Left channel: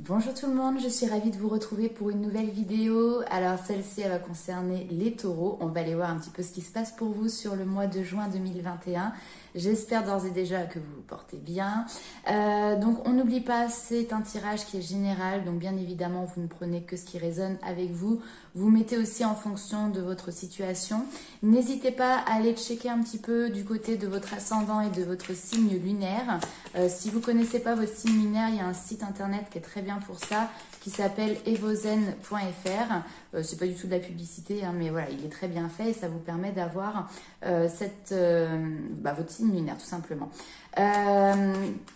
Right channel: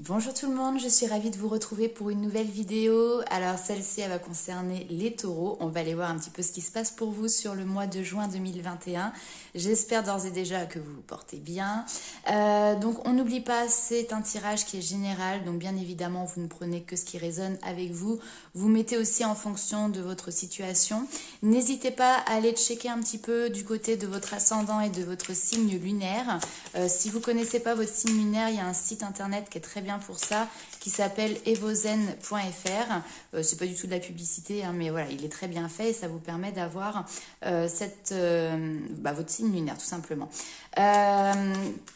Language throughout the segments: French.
Bonjour tout le monde, je suis ravie de vous retrouver pour une nouvelle vidéo. Alors celle-ci, elle va concerner les taureaux. On va aller voir un petit peu ce qui se passe pour vous sur le mois de juin 2021. J'espère d'ores et déjà que vous vous portez bien. Donc on n'oublie pas, c'est un tirage qui est général. Donc bien évidemment, vous ne prenez que ce qui résonne avec vous. Vous mettez aussi en fonction de votre situation. N'hésitez pas à aller checker un petit peu du côté de votre ascendant et de votre signe lunaire. Si vous ne connaissez pas votre signe lunaire, il y a un site internet qui est très bien pour ça, qui s'appelle evozen.fr. C'est pas du tout de la publicité, hein, mais voilà, il est très bien fait et ça vous permet d'avoir votre signe lunaire, tout simplement.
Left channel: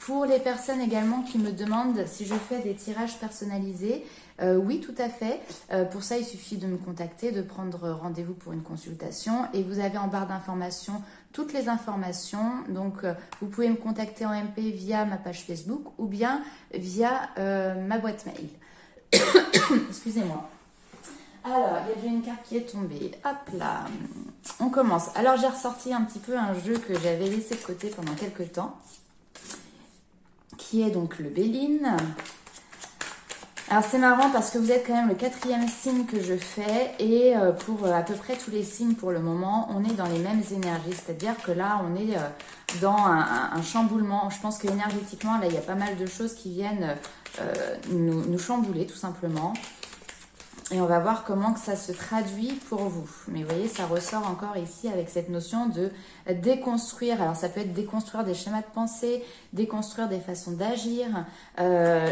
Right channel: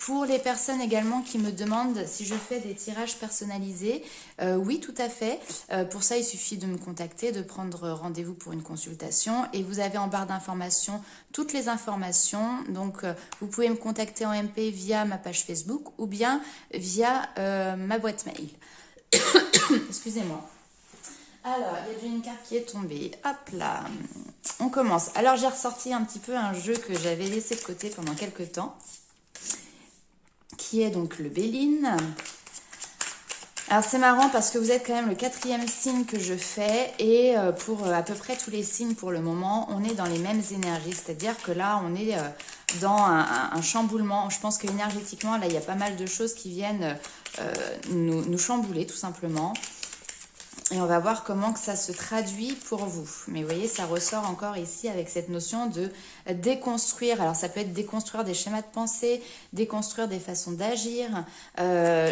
Pour les personnes également qui me demandent si je fais des tirages personnalisés, oui, tout à fait. Pour ça, il suffit de me contacter, de prendre rendez-vous pour une consultation et vous avez en barre d'informations toutes les informations. Donc, vous pouvez me contacter en MP via ma page Facebook ou bien via ma boîte mail. Excusez-moi. Alors, il y a déjà une carte qui est tombée. Hop là. On commence. Alors, j'ai ressorti un petit peu un jeu que j'avais laissé de côté pendant quelques temps, qui est donc le Béline. Alors, c'est marrant parce que vous êtes quand même le 4e signe que je fais et pour à peu près tous les signes pour le moment, on est dans les mêmes énergies. C'est-à-dire que là, on est dans un chamboulement. Je pense qu'énergétiquement, là, il y a pas mal de choses qui viennent nous chambouler tout simplement. Et on va voir comment que ça se traduit pour vous. Mais vous voyez, ça ressort encore ici avec cette notion de déconstruire. Alors, ça peut être déconstruire des schémas de pensée, déconstruire des façons d'agir,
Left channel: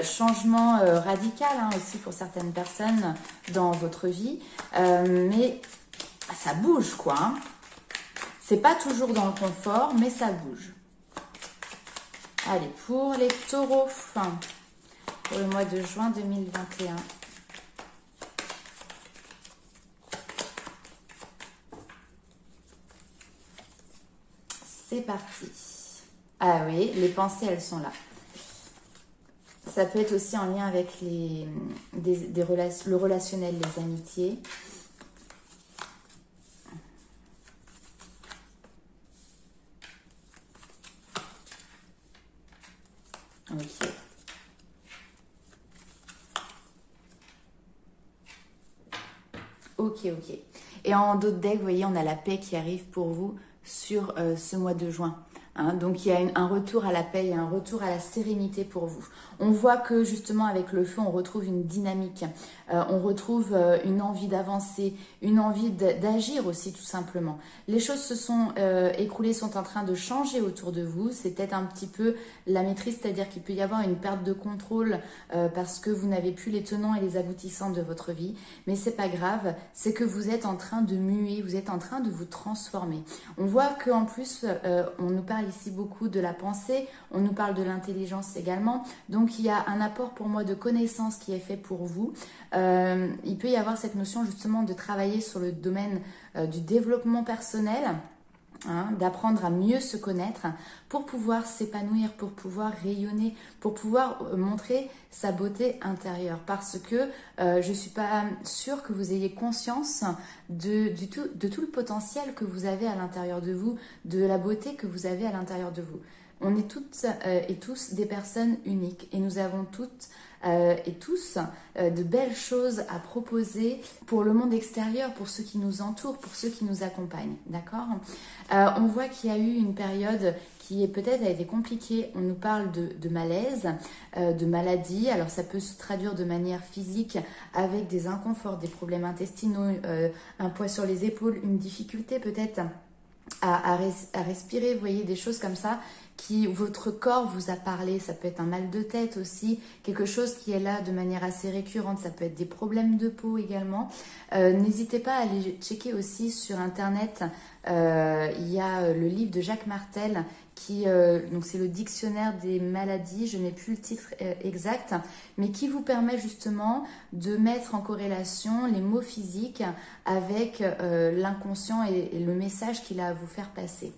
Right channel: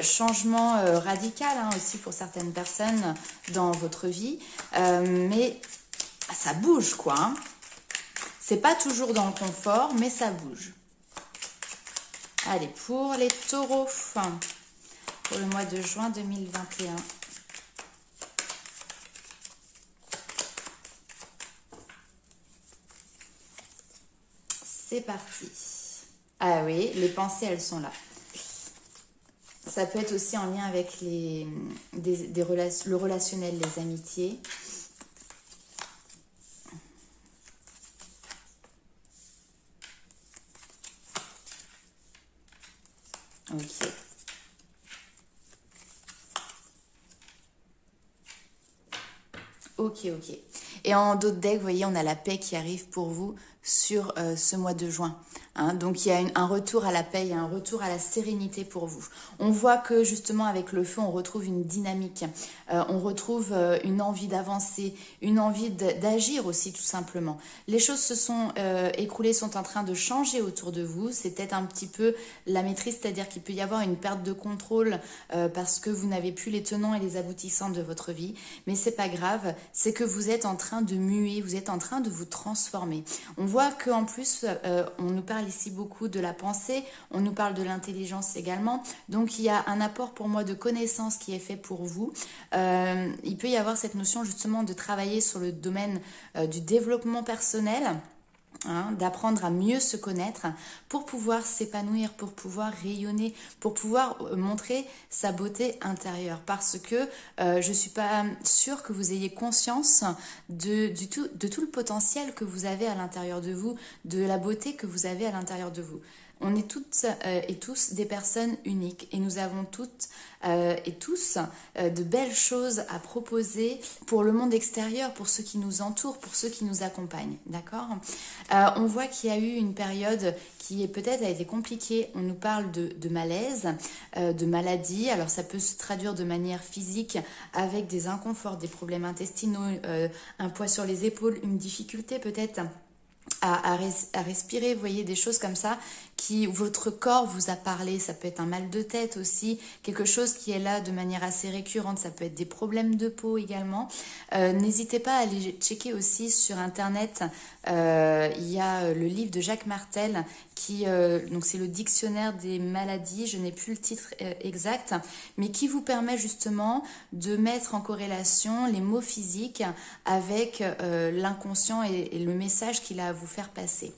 changement radical hein, aussi pour certaines personnes dans votre vie. Mais ça bouge, quoi. Hein. C'est pas toujours dans le confort, mais ça bouge. Allez, pour les taureaux, pour le mois de juin 2021. C'est parti. Ah oui, les pensées, elles sont là. Ça peut être aussi en lien avec le relationnel, les amitiés. Ok. Ok. Et en d'autres decks, vous voyez, on a la paix qui arrive pour vous sur ce mois de juin. Hein. Donc, il y a un retour à la paix, il y a un retour à la sérénité pour vous. On voit que justement, avec le feu, on retrouve une dynamique. On retrouve une envie d'avancer, une envie d'agir aussi, tout simplement. Les choses se sont écroulées, sont en train de changer autour de vous. C'est peut-être un petit peu la maîtrise, c'est-à-dire qu'il peut y avoir une perte de contrôle parce que vous n'avez plus les tenants et les aboutissants de votre vie. Mais c'est pas grave, c'est que vous êtes en train de muer, vous êtes en train de vous transformer. On voit qu'en plus, on nous parle ici beaucoup de la pensée, on nous parle de l'intelligence également. Donc, il y a un apport pour moi de connaissances qui est fait pour vous. Il peut y avoir cette notion justement de travailler sur le domaine du développement personnel. Hein, d'apprendre à mieux se connaître pour pouvoir s'épanouir, pour pouvoir rayonner, pour pouvoir montrer sa beauté intérieure. Parce que je ne suis pas sûre que vous ayez conscience de tout le potentiel que vous avez à l'intérieur de vous, de la beauté que vous avez à l'intérieur de vous. On est toutes et tous des personnes uniques et nous avons toutes et tous de belles choses à proposer pour le monde extérieur, pour ceux qui nous entourent, pour ceux qui nous accompagnent, d'accord. On voit qu'il y a eu une période qui peut-être a été compliquée. On nous parle de malaise, de maladie. Alors ça peut se traduire de manière physique avec des inconforts, des problèmes intestinaux, un poids sur les épaules, une difficulté peut-être à respirer, vous voyez, des choses comme ça qui votre corps vous a parlé. Ça peut être un mal de tête aussi, quelque chose qui est là de manière assez récurrente. Ça peut être des problèmes de peau également. N'hésitez pas à aller checker aussi sur internet. Il y a le livre de Jacques Martel qui donc c'est le dictionnaire des maladies, je n'ai plus le titre exact, mais qui vous permet justement de mettre en corrélation les mots physiques avec l'inconscient et le message qu'il a à vous faire passer.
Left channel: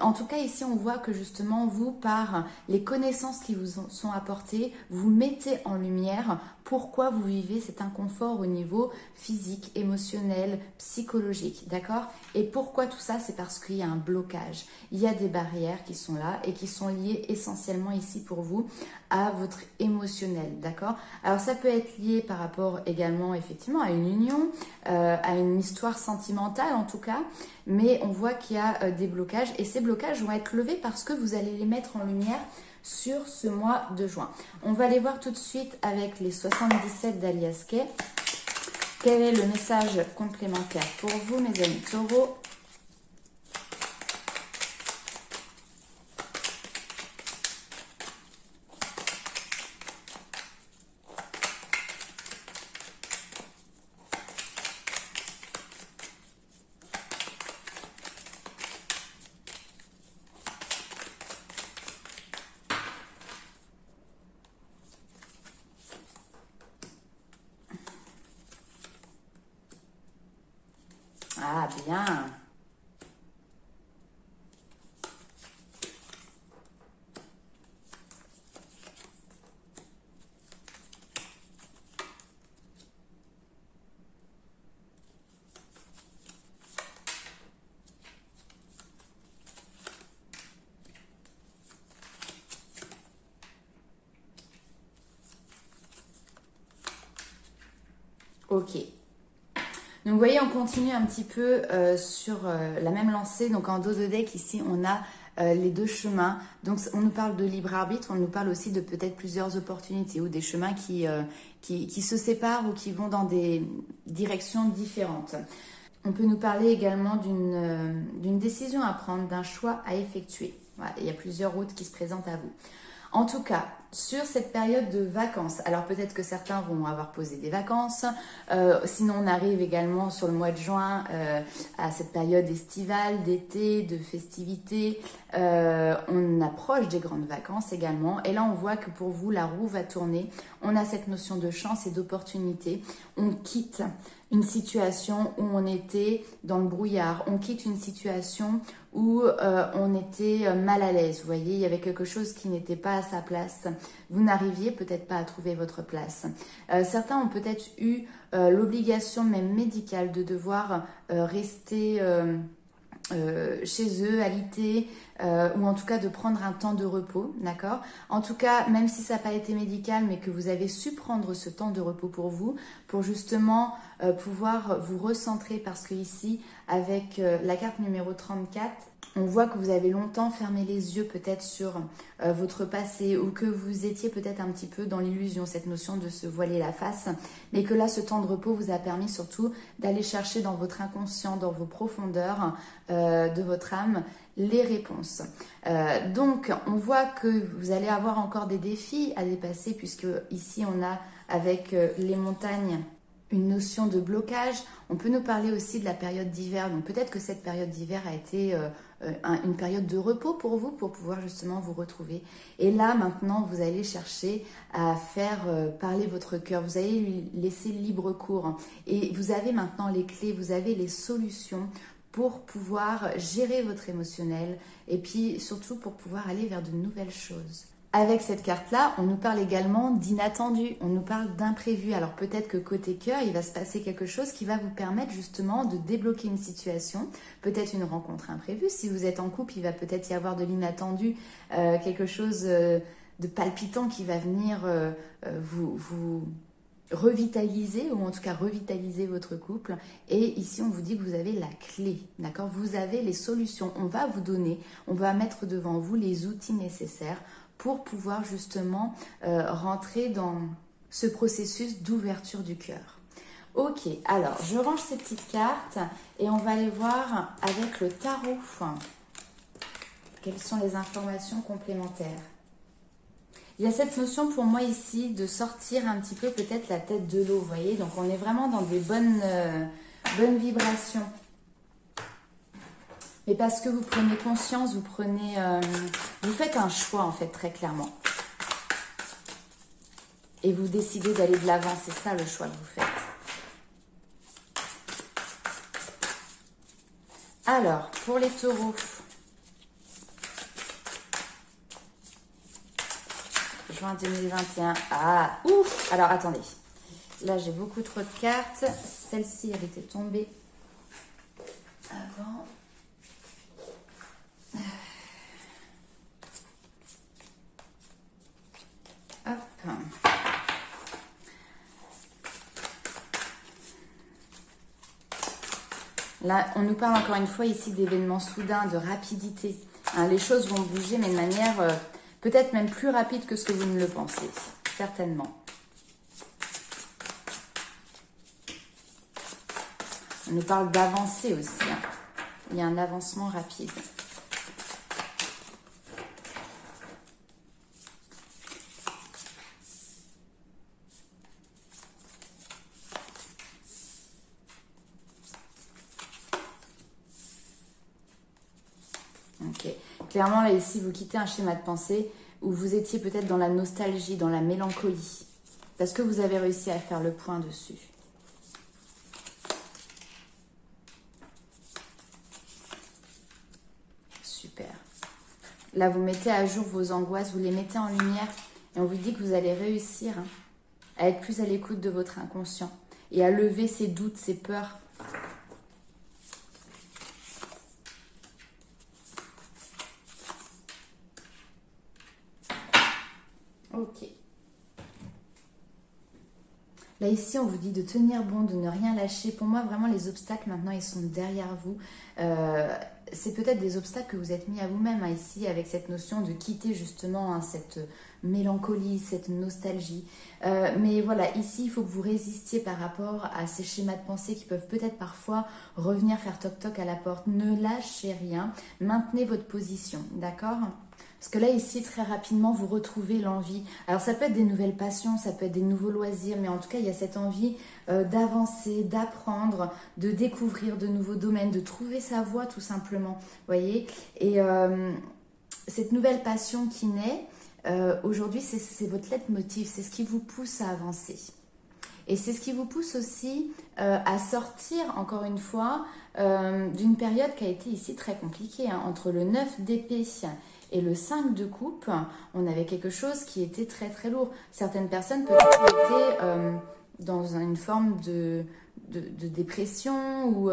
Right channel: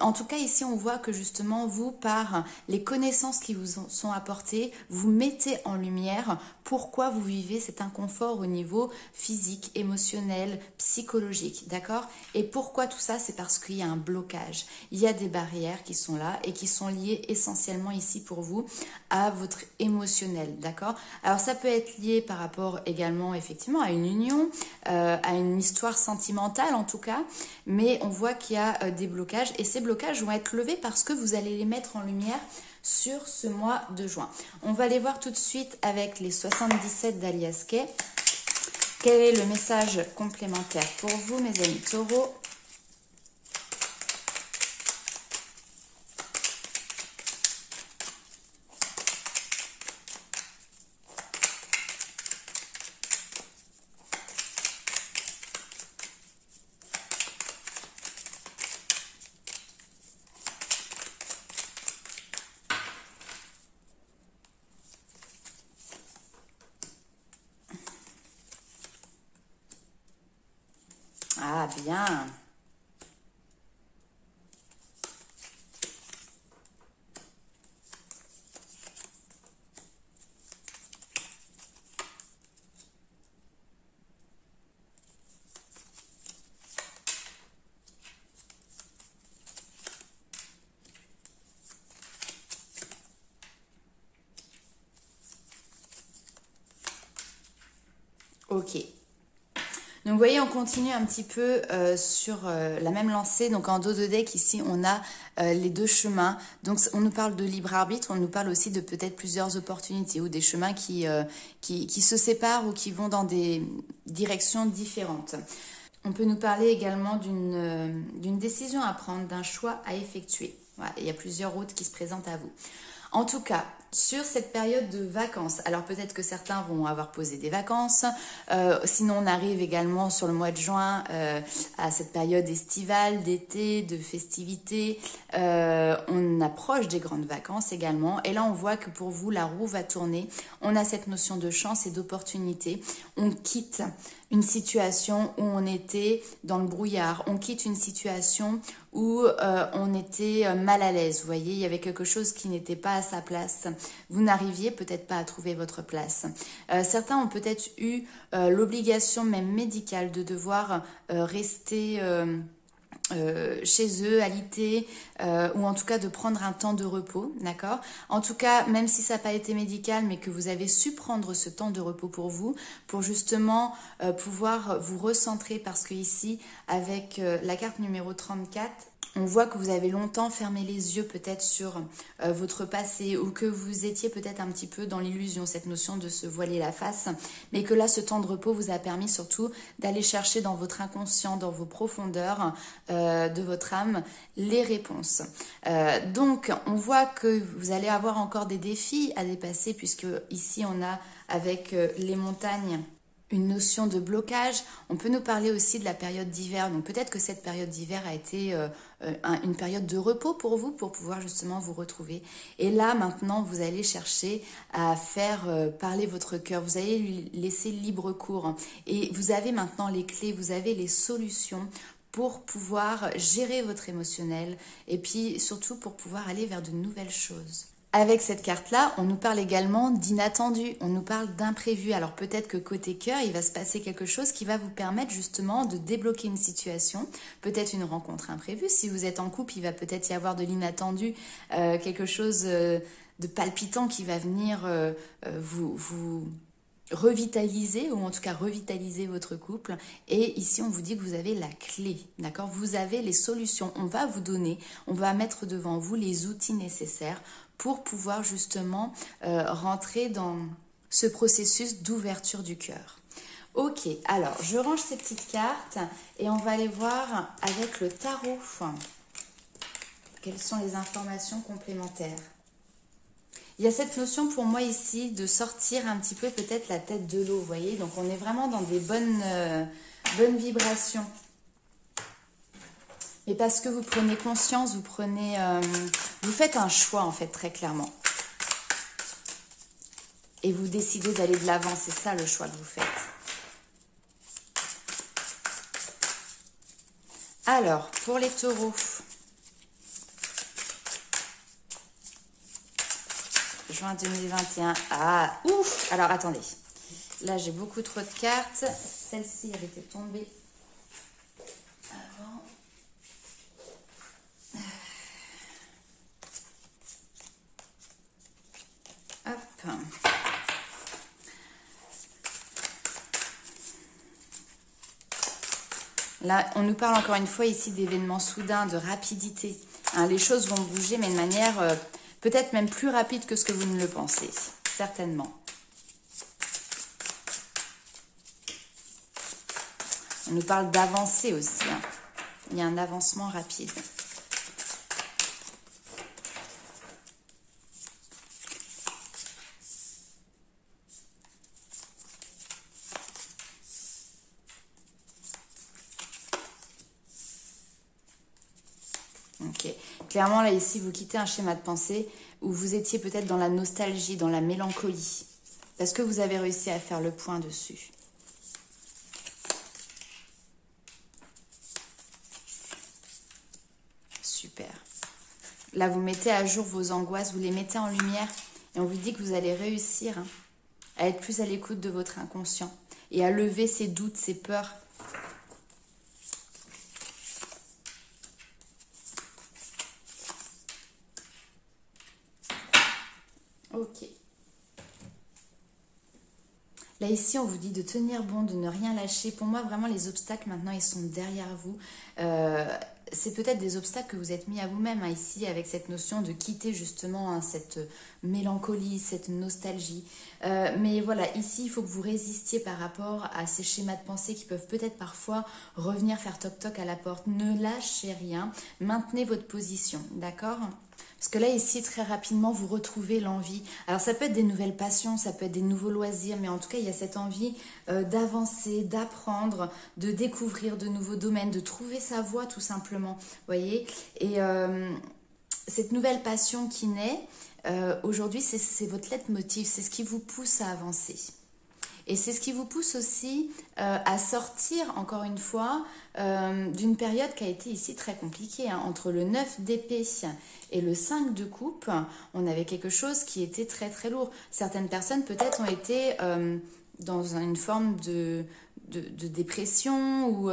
En tout cas, ici, on voit que justement, vous, par les connaissances qui vous sont apportées, vous mettez en lumière pourquoi vous vivez cet inconfort au niveau physique, émotionnel, psychologique, d'accord? Et pourquoi tout ça? C'est parce qu'il y a un blocage. Il y a des barrières qui sont là et qui sont liées essentiellement ici pour vous à votre émotionnel, d'accord? Alors ça peut être lié par rapport également effectivement à une union, à une histoire sentimentale en tout cas, mais on voit qu'il y a des blocages et ces blocages vont être levés parce que vous allez les mettre en lumière sur ce mois de juin. On va aller voir tout de suite avec les 77 d'Alias Kay. Quel est le message complémentaire pour vous, mes amis taureaux? Ah, bien. Ok. Donc vous voyez, on continue un petit peu sur la même lancée. Donc en dos de deck, ici, on a les deux chemins. Donc on nous parle de libre arbitre, on nous parle aussi de peut-être plusieurs opportunités ou des chemins qui se séparent ou qui vont dans des directions différentes. On peut nous parler également d'une décision à prendre, d'un choix à effectuer. Voilà, il y a plusieurs routes qui se présentent à vous. En tout cas, sur cette période de vacances, alors peut-être que certains vont avoir posé des vacances, sinon on arrive également sur le mois de juin à cette période estivale, d'été, de festivités, on approche des grandes vacances également, et là on voit que pour vous la roue va tourner, on a cette notion de chance et d'opportunité, on quitte une situation où on était dans le brouillard, on quitte une situation où on était mal à l'aise, vous voyez, il y avait quelque chose qui n'était pas à sa place, vous n'arriviez peut-être pas à trouver votre place. Certains ont peut-être eu l'obligation même médicale de devoir rester chez eux, alité, ou en tout cas de prendre un temps de repos, d'accord? En tout cas, même si ça n'a pas été médical, mais que vous avez su prendre ce temps de repos pour vous, pour justement pouvoir vous recentrer, parce que ici, avec la carte numéro 34, on voit que vous avez longtemps fermé les yeux peut-être sur votre passé ou que vous étiez peut-être un petit peu dans l'illusion, cette notion de se voiler la face, mais que là, ce temps de repos vous a permis surtout d'aller chercher dans votre inconscient, dans vos profondeurs de votre âme, les réponses. Donc, on voit que vous allez avoir encore des défis à dépasser puisque ici, on a avec les montagnes une notion de blocage. On peut nous parler aussi de la période d'hiver. Donc peut-être que cette période d'hiver a été une période de repos pour vous, pour pouvoir justement vous retrouver. Et là, maintenant, vous allez chercher à faire parler votre cœur. Vous allez lui laisser libre cours. Et vous avez maintenant les clés, vous avez les solutions pour pouvoir gérer votre émotionnel et puis surtout pour pouvoir aller vers de nouvelles choses. Avec cette carte-là, on nous parle également d'inattendu, on nous parle d'imprévu. Alors peut-être que côté cœur, il va se passer quelque chose qui va vous permettre justement de débloquer une situation, peut-être une rencontre imprévue. Si vous êtes en couple, il va peut-être y avoir de l'inattendu, quelque chose de palpitant qui va venir vous revitaliser, ou en tout cas revitaliser votre couple. Et ici, on vous dit que vous avez la clé, d'accord? Vous avez les solutions. On va vous donner, on va mettre devant vous les outils nécessaires pour pouvoir justement rentrer dans ce processus d'ouverture du cœur. Ok, alors je range ces petites cartes et on va aller voir avec le tarot. Quelles sont les informations complémentaires? Il y a cette notion pour moi ici de sortir un petit peu peut-être la tête de l'eau, vous voyez? Donc on est vraiment dans des bonnes vibrations. Mais parce que vous prenez conscience, vous faites un choix en fait très clairement. Et vous décidez d'aller de l'avant, c'est ça le choix que vous faites. Alors, pour les taureaux, juin 2021, ah, ouf, alors attendez, là j'ai beaucoup trop de cartes, celle-ci elle était tombée avant. Là, on nous parle encore une fois ici d'événements soudains, de rapidité. Hein, les choses vont bouger, mais de manière peut-être même plus rapide que ce que vous ne le pensez. Certainement. On nous parle d'avancer aussi. Hein. Il y a un avancement rapide. Ok. Clairement, là, ici, vous quittez un schéma de pensée où vous étiez peut-être dans la nostalgie, dans la mélancolie. Parce que vous avez réussi à faire le point dessus. Super. Là, vous mettez à jour vos angoisses, vous les mettez en lumière et on vous dit que vous allez réussir à être plus à l'écoute de votre inconscient et à lever ces doutes, ces peurs. Ok. Là, ici, on vous dit de tenir bon, de ne rien lâcher. Pour moi, vraiment, les obstacles, maintenant, ils sont derrière vous. C'est peut-être des obstacles que vous êtes mis à vous-même, hein, ici, avec cette notion de quitter, justement, hein, cette mélancolie, cette nostalgie. Mais voilà, ici, il faut que vous résistiez par rapport à ces schémas de pensée qui peuvent peut-être parfois revenir faire toc-toc à la porte. Ne lâchez rien. Maintenez votre position, d'accord ? Parce que là, ici, très rapidement, vous retrouvez l'envie. Alors, ça peut être des nouvelles passions, ça peut être des nouveaux loisirs, mais en tout cas, il y a cette envie d'avancer, d'apprendre, de découvrir de nouveaux domaines, de trouver sa voie, tout simplement. Vous voyez ? Et cette nouvelle passion qui naît, aujourd'hui, c'est votre leitmotiv, c'est ce qui vous pousse à avancer. Et c'est ce qui vous pousse aussi à sortir, encore une fois, d'une période qui a été ici très compliquée. Hein. Entre le 9 d'épée et le 5 de coupe, on avait quelque chose qui était très très lourd. Certaines personnes peut-être ont été dans une forme de dépression ou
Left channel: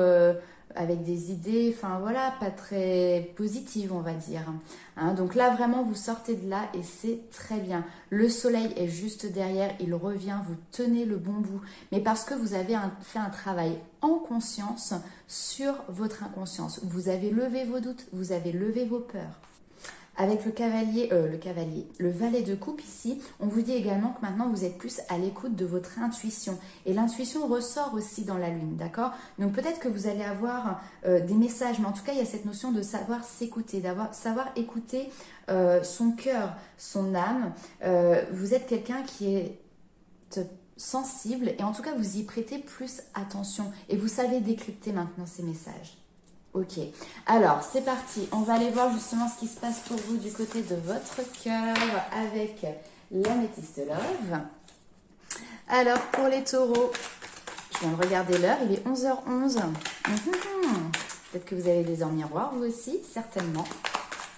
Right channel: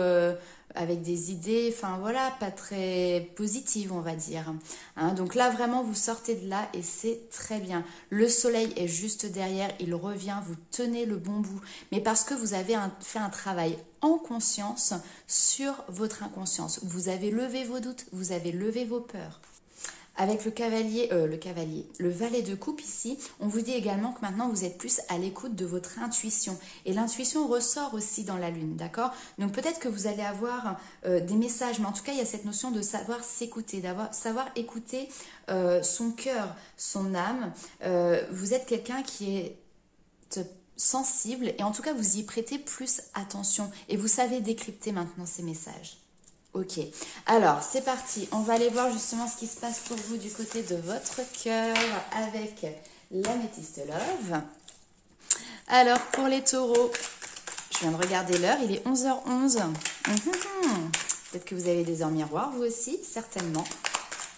avec des idées, enfin voilà, pas très positives, on va dire. Hein, donc là, vraiment, vous sortez de là et c'est très bien. Le soleil est juste derrière, il revient, vous tenez le bon bout. Mais parce que vous avez fait un travail en conscience sur votre inconscience. Vous avez levé vos doutes, vous avez levé vos peurs. Avec le valet de coupe ici, on vous dit également que maintenant vous êtes plus à l'écoute de votre intuition. Et l'intuition ressort aussi dans la lune, d'accord? Donc peut-être que vous allez avoir des messages, mais en tout cas il y a cette notion de savoir s'écouter, savoir écouter son cœur, son âme. Vous êtes quelqu'un qui est sensible et en tout cas vous y prêtez plus attention et vous savez décrypter maintenant ces messages. Ok, alors c'est parti, on va aller voir justement ce qui se passe pour vous du côté de votre cœur avec l'améthyste love. Alors pour les taureaux, je viens de regarder l'heure, il est 11h11. Peut-être que vous avez des heures miroirs vous aussi, certainement,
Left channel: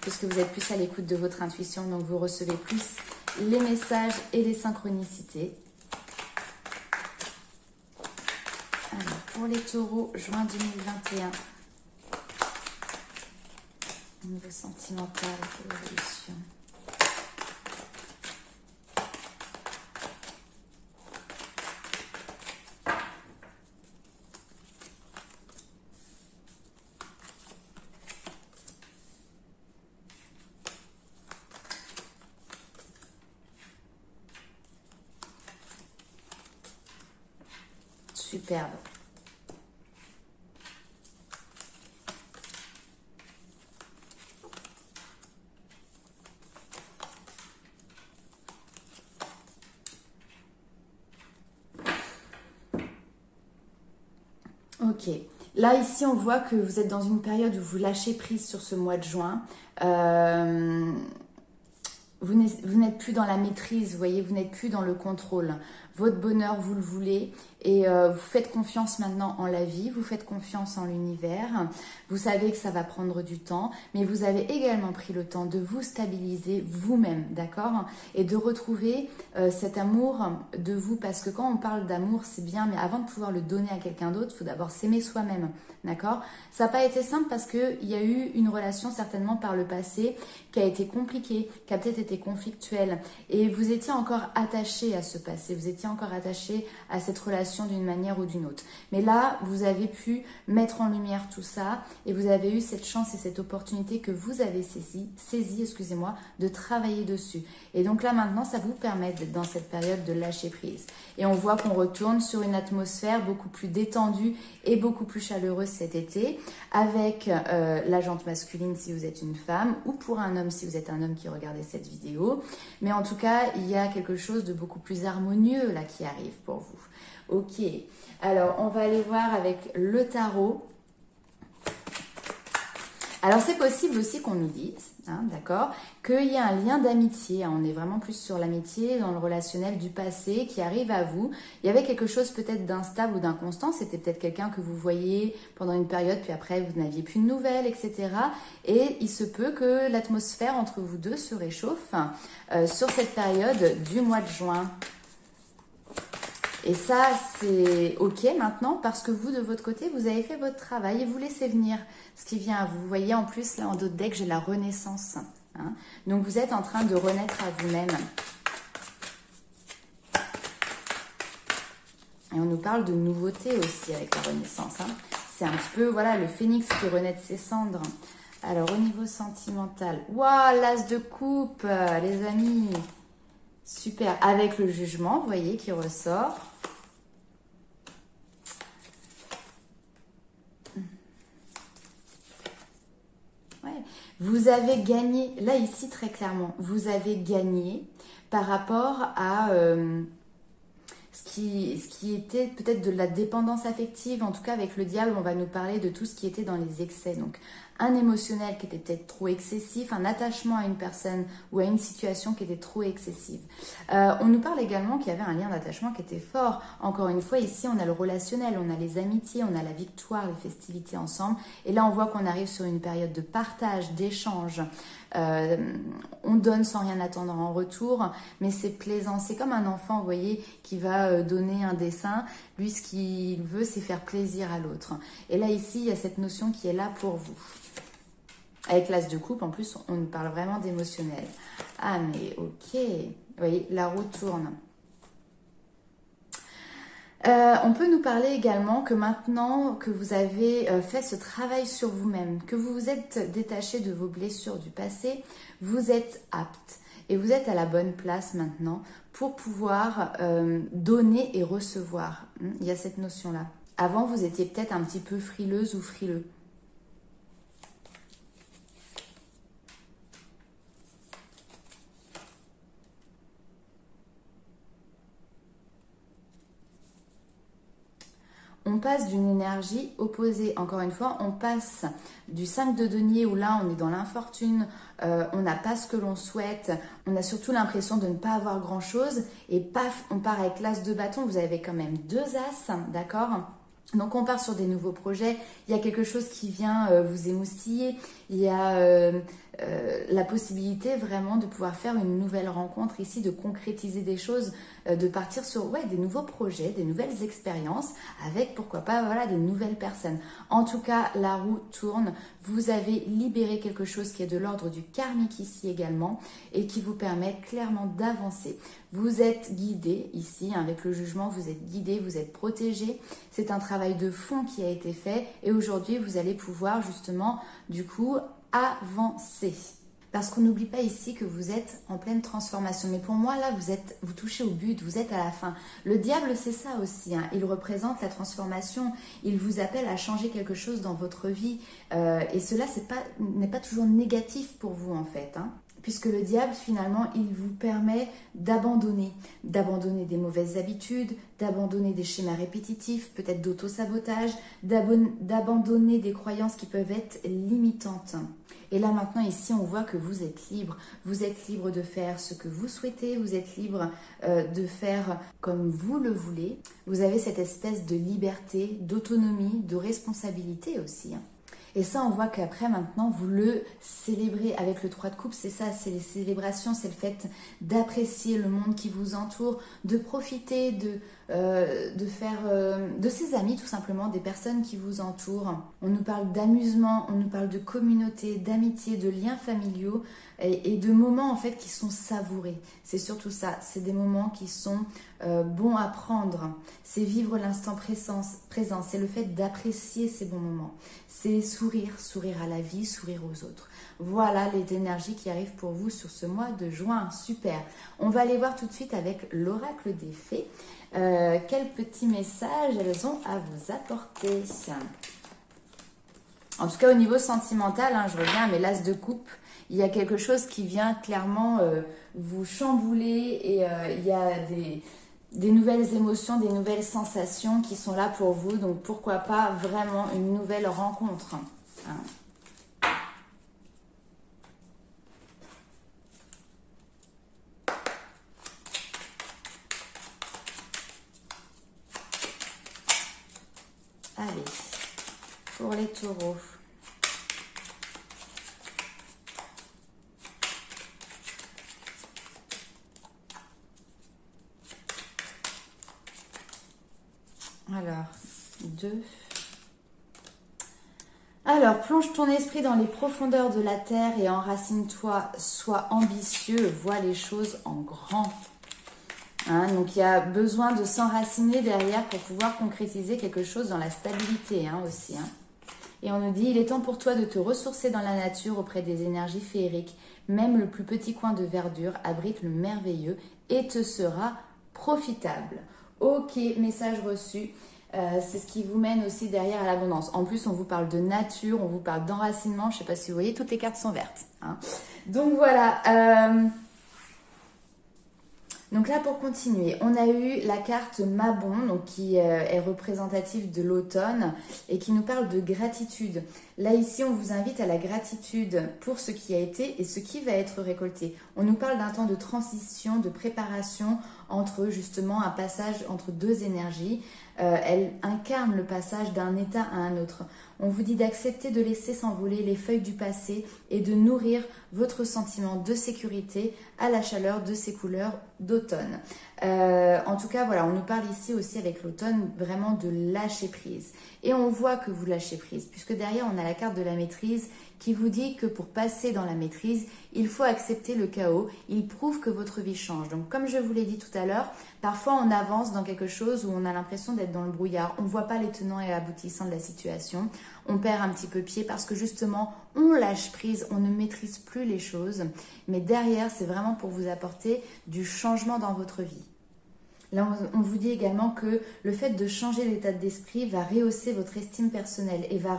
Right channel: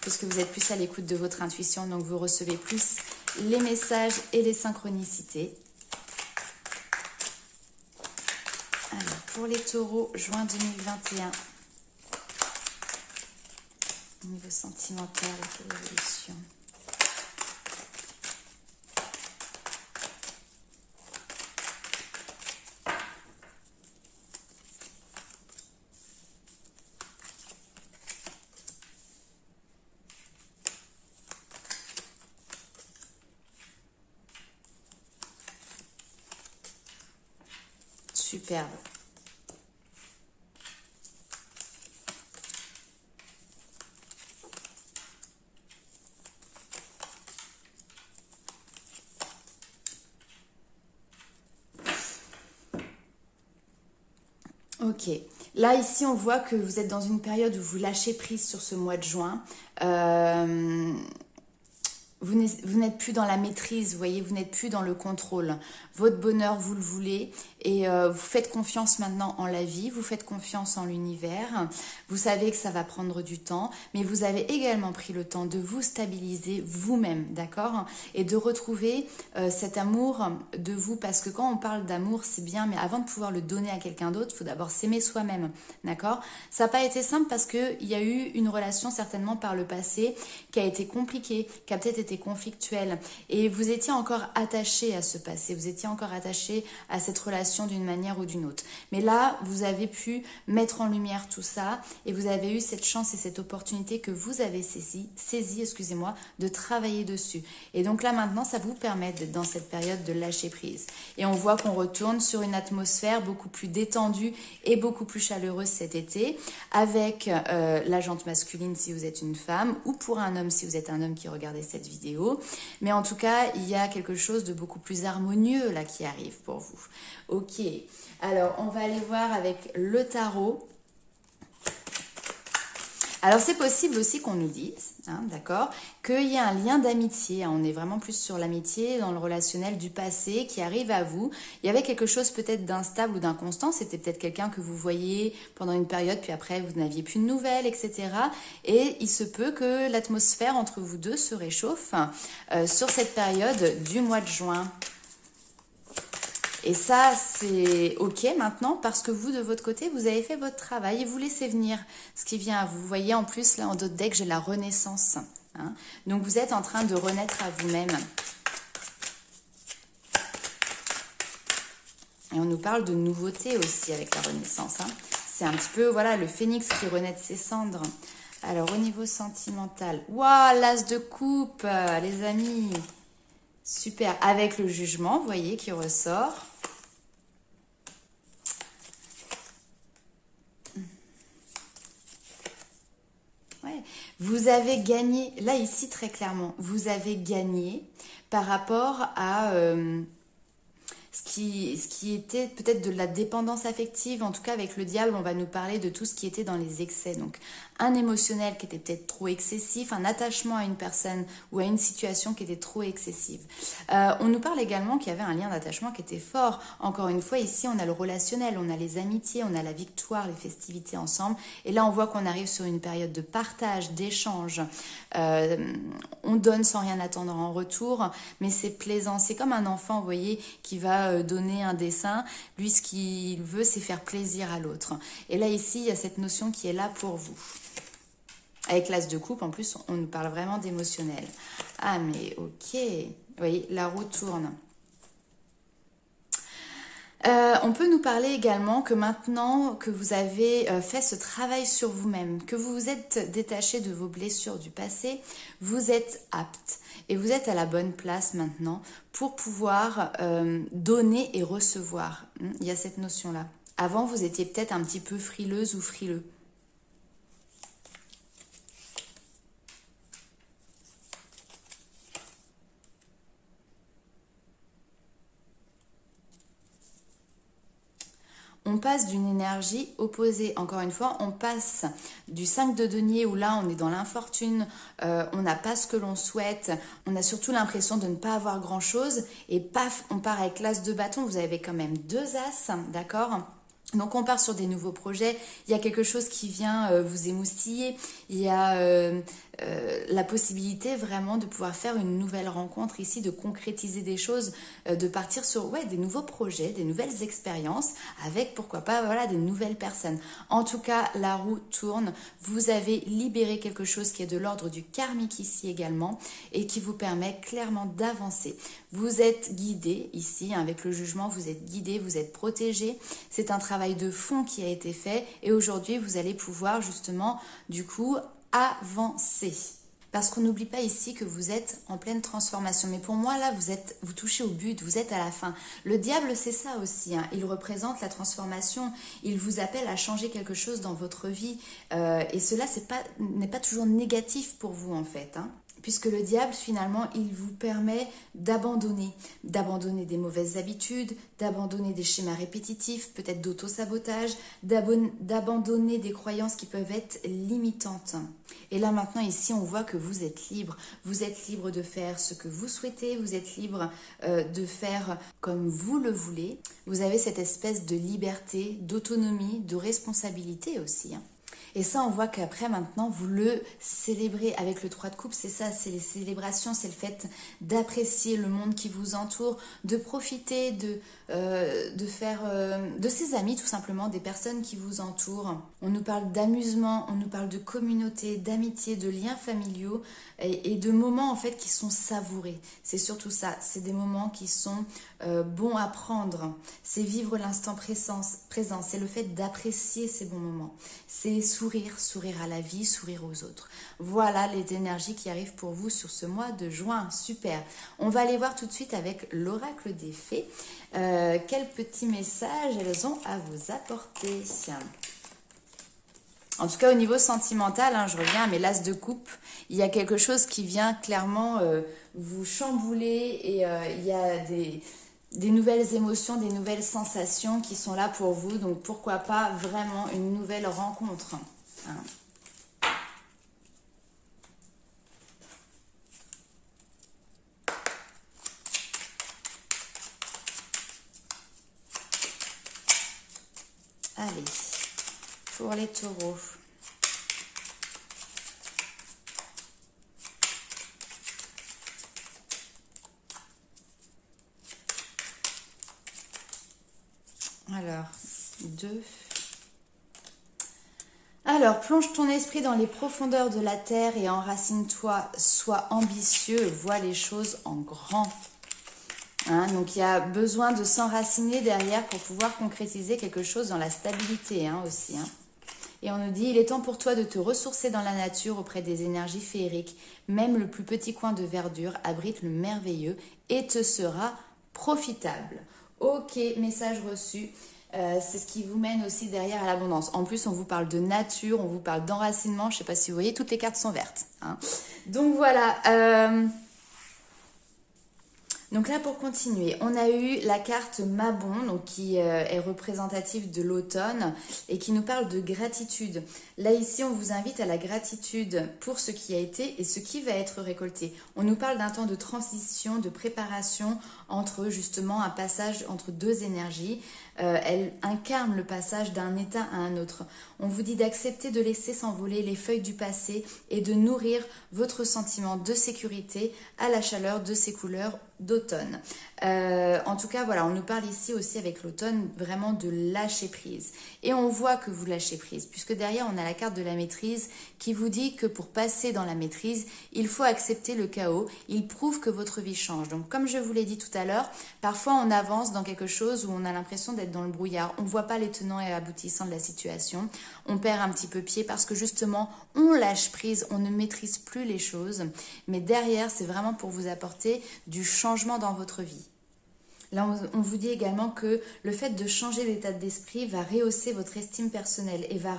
puisque vous êtes plus à l'écoute de votre intuition, donc vous recevez plus les messages et les synchronicités. Alors pour les taureaux, juin 2021. Niveau sentimental, l'évolution. Superbe. Ok, là ici on voit que vous êtes dans une période où vous lâchez prise sur ce mois de juin. Vous n'êtes plus dans la maîtrise, vous voyez, vous n'êtes plus dans le contrôle. Votre bonheur, vous le voulez et vous faites confiance maintenant en la vie, vous faites confiance en l'univers. Vous savez que ça va prendre du temps, mais vous avez également pris le temps de vous stabiliser vous-même, d'accord? Et de retrouver cet amour de vous, parce que quand on parle d'amour, c'est bien, mais avant de pouvoir le donner à quelqu'un d'autre, il faut d'abord s'aimer soi-même, d'accord? Ça n'a pas été simple parce qu'il y a eu une relation certainement par le passé qui a été compliquée, qui a peut-être été été conflictuel et vous étiez encore attaché à ce passé, vous étiez encore attaché à cette relation d'une manière ou d'une autre. Mais là, vous avez pu mettre en lumière tout ça et vous avez eu cette chance et cette opportunité que vous avez saisie, excusez-moi, de travailler dessus. Et donc là, maintenant, ça vous permet d'être dans cette période de lâcher prise. Et on voit qu'on retourne sur une atmosphère beaucoup plus détendue et beaucoup plus chaleureuse cet été, avec la jante masculine si vous êtes une femme, ou pour un homme si vous êtes un homme qui regardez cette vidéo. Mais en tout cas, il y a quelque chose de beaucoup plus harmonieux là qui arrive pour vous. Ok, alors on va aller voir avec le tarot. Alors, c'est possible aussi qu'on nous dise, d'accord, qu'il y a un lien d'amitié. On est vraiment plus sur l'amitié, dans le relationnel du passé qui arrive à vous. Il y avait quelque chose peut-être d'instable ou d'inconstant. C'était peut-être quelqu'un que vous voyez pendant une période, puis après, vous n'aviez plus de nouvelles, etc. Et il se peut que l'atmosphère entre vous deux se réchauffe sur cette période du mois de juin. Et ça, c'est ok maintenant parce que vous, de votre côté, vous avez fait votre travail et vous laissez venir ce qui vient à vous. Vous voyez, en plus, là, en dos de deck, j'ai la renaissance. Donc, vous êtes en train de renaître à vous-même. Et on nous parle de nouveauté aussi avec la renaissance. C'est un petit peu, voilà, le phénix qui renaît de ses cendres. Alors, au niveau sentimental, waouh, l'as de coupe, les amis. Super, avec le jugement, vous voyez, qui ressort. Ouais. Vous avez gagné, là ici très clairement, vous avez gagné par rapport à ce qui était peut-être de la dépendance affective. En tout cas, avec le diable, on va nous parler de tout ce qui était dans les excès. Donc, un émotionnel qui était peut-être trop excessif, un attachement à une personne ou à une situation qui était trop excessive. On nous parle également qu'il y avait un lien d'attachement qui était fort. Encore une fois, ici, on a le relationnel, on a les amitiés, on a la victoire, les festivités ensemble. Et là, on voit qu'on arrive sur une période de partage, d'échange. On donne sans rien attendre en retour, mais c'est plaisant. C'est comme un enfant, vous voyez, qui va donner un dessin. Lui, ce qu'il veut, c'est faire plaisir à l'autre. Et là, ici, il y a cette notion qui est là pour vous. Avec l'as de coupe, en plus, on nous parle vraiment d'émotionnel. Ah, mais ok. Vous voyez, la roue tourne. On peut nous parler également que maintenant que vous avez fait ce travail sur vous-même, que vous vous êtes détaché de vos blessures du passé, vous êtes apte et vous êtes à la bonne place maintenant pour pouvoir donner et recevoir. Il y a cette notion-là. Avant, vous étiez peut-être un petit peu frileuse ou frileux. On passe d'une énergie opposée. Encore une fois, on passe du 5 de denier où là, on est dans l'infortune, on n'a pas ce que l'on souhaite, on a surtout l'impression de ne pas avoir grand-chose et paf, on part avec l'as de bâton. Vous avez quand même 2 as, d'accord ? Donc on part sur des nouveaux projets, il y a quelque chose qui vient vous émoustiller, il y a la possibilité vraiment de pouvoir faire une nouvelle rencontre ici, de concrétiser des choses, de partir sur des nouveaux projets, des nouvelles expériences avec pourquoi pas voilà, des nouvelles personnes. En tout cas, la roue tourne, vous avez libéré quelque chose qui est de l'ordre du karmique ici également et qui vous permet clairement d'avancer. Vous êtes guidé ici, avec le jugement, vous êtes guidé, vous êtes protégé. C'est un travail de fond qui a été fait et aujourd'hui, vous allez pouvoir justement, du coup, avancer. Parce qu'on n'oublie pas ici que vous êtes en pleine transformation. Mais pour moi, là, vous touchez au but, vous êtes à la fin. Le diable, c'est ça aussi. Il représente la transformation. Il vous appelle à changer quelque chose dans votre vie. Et cela n'est pas toujours négatif pour vous, en fait. Puisque le diable, finalement, il vous permet d'abandonner des mauvaises habitudes, d'abandonner des schémas répétitifs, peut-être d'auto-sabotage, d'abandonner des croyances qui peuvent être limitantes. Et là, maintenant, ici, on voit que vous êtes libre. Vous êtes libre de faire ce que vous souhaitez, vous êtes libre de faire comme vous le voulez. Vous avez cette espèce de liberté, d'autonomie, de responsabilité aussi. Et ça, on voit qu'après, maintenant, vous le célébrez avec le 3 de coupe. C'est ça, c'est les célébrations, c'est le fait d'apprécier le monde qui vous entoure, de profiter de ses amis, tout simplement, des personnes qui vous entourent. On nous parle d'amusement, on nous parle de communauté, d'amitié, de liens familiaux. et de moments en fait qui sont savourés. C'est surtout ça, c'est des moments qui sont bons à prendre. C'est vivre l'instant présent, c'est le fait d'apprécier ces bons moments. C'est sourire à la vie, sourire aux autres. Voilà les énergies qui arrivent pour vous sur ce mois de juin. Super. On va aller voir tout de suite avec l'oracle des fées. Quels petits messages elles ont à vous apporter. En tout cas, au niveau sentimental, je reviens à mes l'as de coupe. Il y a quelque chose qui vient clairement vous chambouler et il y a des nouvelles émotions, des nouvelles sensations qui sont là pour vous. Donc, pourquoi pas vraiment une nouvelle rencontre. Allez, pour les taureaux. Alors, 2. Alors, plonge ton esprit dans les profondeurs de la terre et enracine-toi, sois ambitieux, vois les choses en grand. Donc, il y a besoin de s'enraciner derrière pour pouvoir concrétiser quelque chose dans la stabilité aussi. Et on nous dit, il est temps pour toi de te ressourcer dans la nature auprès des énergies féeriques. Même le plus petit coin de verdure abrite le merveilleux et te sera profitable. Ok, message reçu. C'est ce qui vous mène aussi derrière à l'abondance. En plus, on vous parle de nature, on vous parle d'enracinement. Je ne sais pas si vous voyez, toutes les cartes sont vertes. Donc voilà. Donc là, pour continuer, on a eu la carte Mabon, donc qui est représentative de l'automne et qui nous parle de gratitude. Là, ici, on vous invite à la gratitude pour ce qui a été et ce qui va être récolté. On nous parle d'un temps de transition, de préparation entre justement un passage entre deux énergies. Elle incarne le passage d'un état à un autre. On vous dit d'accepter de laisser s'envoler les feuilles du passé et de nourrir votre sentiment de sécurité à la chaleur de ces couleurs d'automne. En tout cas, voilà, on nous parle ici aussi avec l'automne vraiment de lâcher prise. Et on voit que vous lâchez prise, puisque derrière, on a la carte de la maîtrise qui vous dit que pour passer dans la maîtrise, il faut accepter le chaos. Il prouve que votre vie change. Donc, comme je vous l'ai dit tout à l'heure, parfois on avance dans quelque chose où on a l'impression d'être dans le brouillard. On ne voit pas les tenants et aboutissants de la situation. On perd un petit peu pied parce que justement, on lâche prise, on ne maîtrise plus les choses. Mais derrière, c'est vraiment pour vous apporter du changement dans votre vie. Là, on vous dit également que le fait de changer l'état d'esprit va rehausser votre estime personnelle et va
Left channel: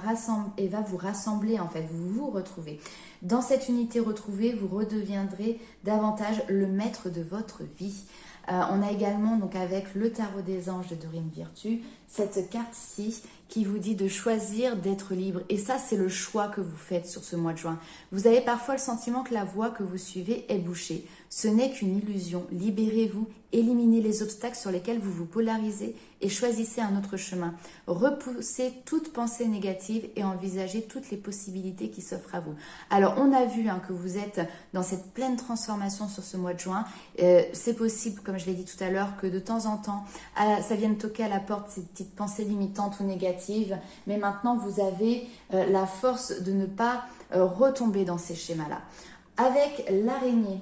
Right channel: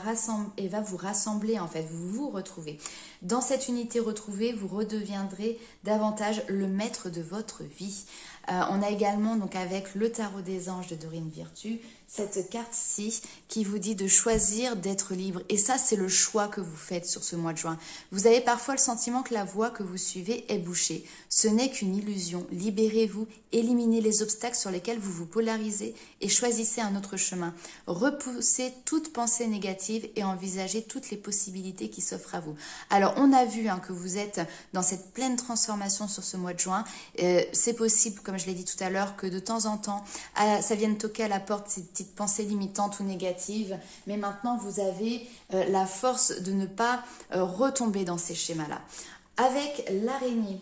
vous rassembler, en fait, vous retrouvez. Dans cette unité retrouvée, vous redeviendrez davantage le maître de votre vie. On a également, donc avec le tarot des anges de Dorine Virtue, cette carte-ci qui vous dit de choisir d'être libre. Et ça, c'est le choix que vous faites sur ce mois de juin. Vous avez parfois le sentiment que la voie que vous suivez est bouchée. Ce n'est qu'une illusion. Libérez-vous, éliminez les obstacles sur lesquels vous vous polarisez et choisissez un autre chemin. Repoussez toute pensée négative et envisagez toutes les possibilités qui s'offrent à vous. Alors, on a vu que vous êtes dans cette pleine transformation sur ce mois de juin. C'est possible, comme je l'ai dit tout à l'heure, que de temps en temps, ça vienne toquer à la porte ces petites pensées limitantes ou négatives. Mais maintenant, vous avez la force de ne pas retomber dans ces schémas-là. Avec l'araignée,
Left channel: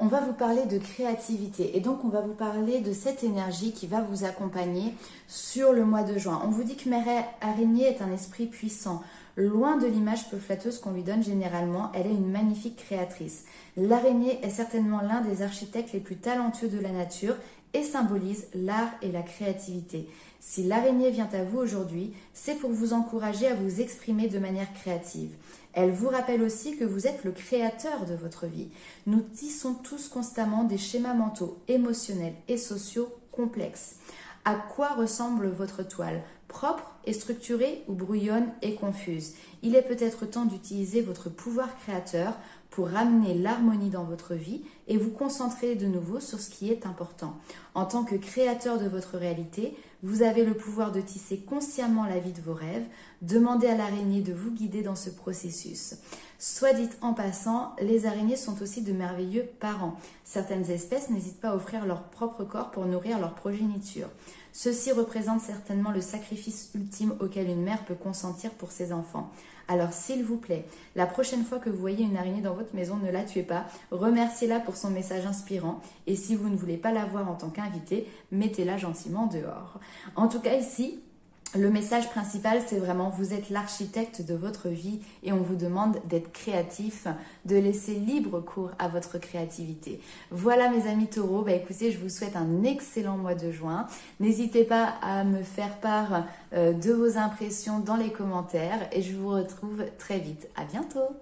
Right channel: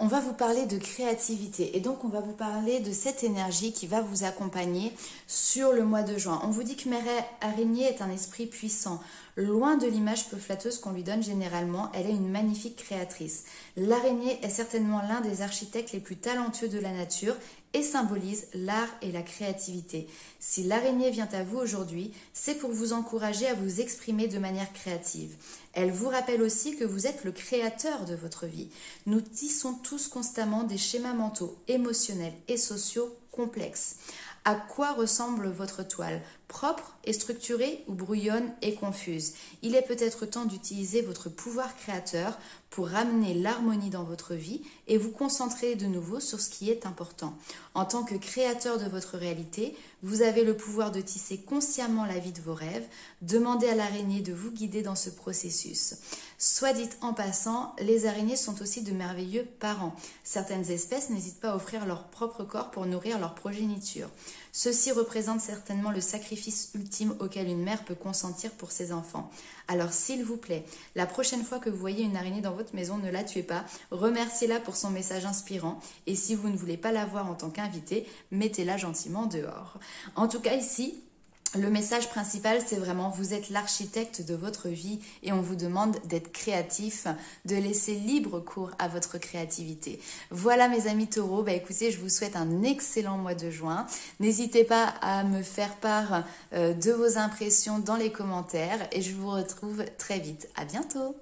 on va vous parler de créativité et donc on va vous parler de cette énergie qui va vous accompagner sur le mois de juin. On vous dit que Mère Araignée est un esprit puissant. Loin de l'image peu flatteuse qu'on lui donne généralement, elle est une magnifique créatrice. L'araignée est certainement l'un des architectes les plus talentueux de la nature et symbolise l'art et la créativité. Si l'araignée vient à vous aujourd'hui, c'est pour vous encourager à vous exprimer de manière créative. Elle vous rappelle aussi que vous êtes le créateur de votre vie. Nous tissons tous constamment des schémas mentaux, émotionnels et sociaux complexes. À quoi ressemble votre toile? Propre et structurée ou brouillonne et confuse? Il est peut-être temps d'utiliser votre pouvoir créateur pour ramener l'harmonie dans votre vie et vous concentrer de nouveau sur ce qui est important. En tant que créateur de votre réalité, vous avez le pouvoir de tisser consciemment la vie de vos rêves. Demandez à l'araignée de vous guider dans ce processus. Soit dit en passant, les araignées sont aussi de merveilleux parents. Certaines espèces n'hésitent pas à offrir leur propre corps pour nourrir leur progéniture. Ceci représente certainement le sacrifice ultime auquel une mère peut consentir pour ses enfants. Alors s'il vous plaît, la prochaine fois que vous voyez une araignée dans votre maison, ne la tuez pas, remerciez-la pour son message inspirant et si vous ne voulez pas la voir en tant qu'invitée, mettez-la gentiment dehors. En tout cas ici, le message principal, c'est vraiment vous êtes l'architecte de votre vie et on vous demande d'être créatif, de laisser libre cours à votre créativité. Voilà mes amis taureaux, écoutez, je vous souhaite un excellent mois de juin. N'hésitez pas à me faire part de vos impressions dans les commentaires et je vous retrouve très vite. À bientôt.